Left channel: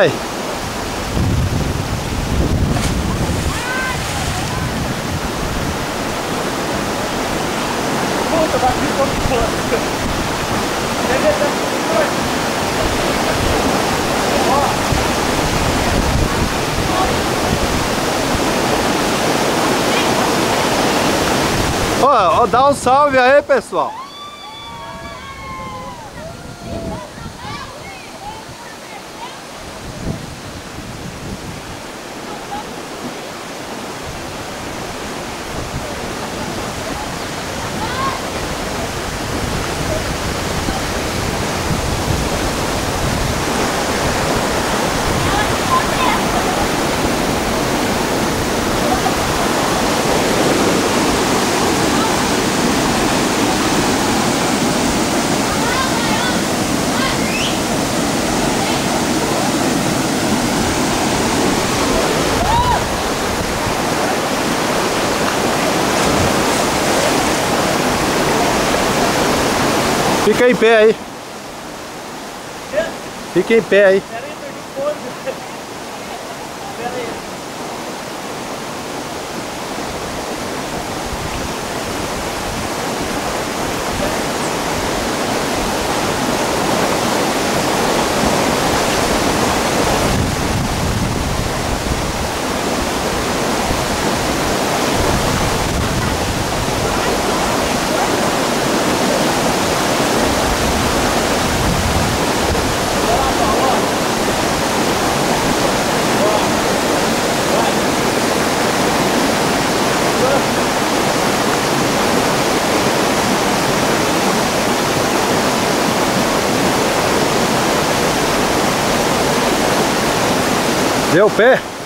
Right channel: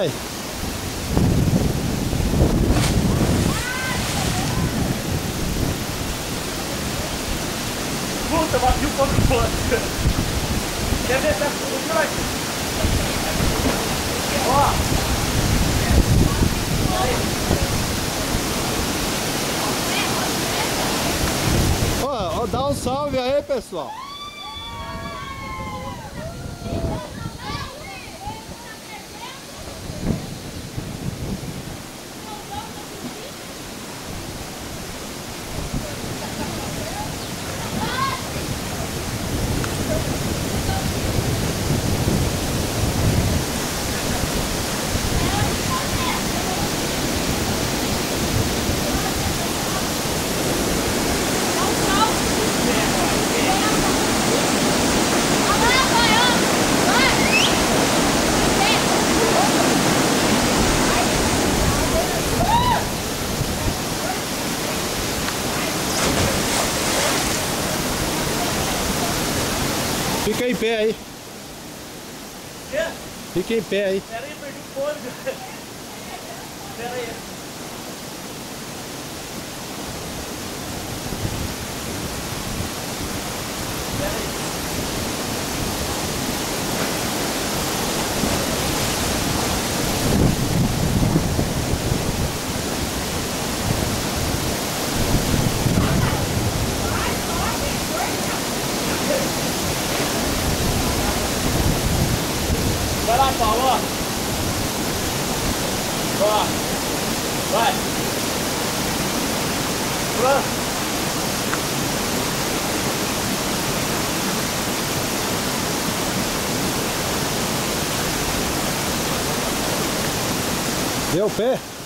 Vai. Puta, bati um pouco de fora. Quer ver essa Ó, dá um salve aí, pessoal. Fica em pé aí. Fica em pé aí. Pera aí, perdi o fone. Pera aí. Vai lá, Paulo, ó. Ó. Vai. Deu o pé?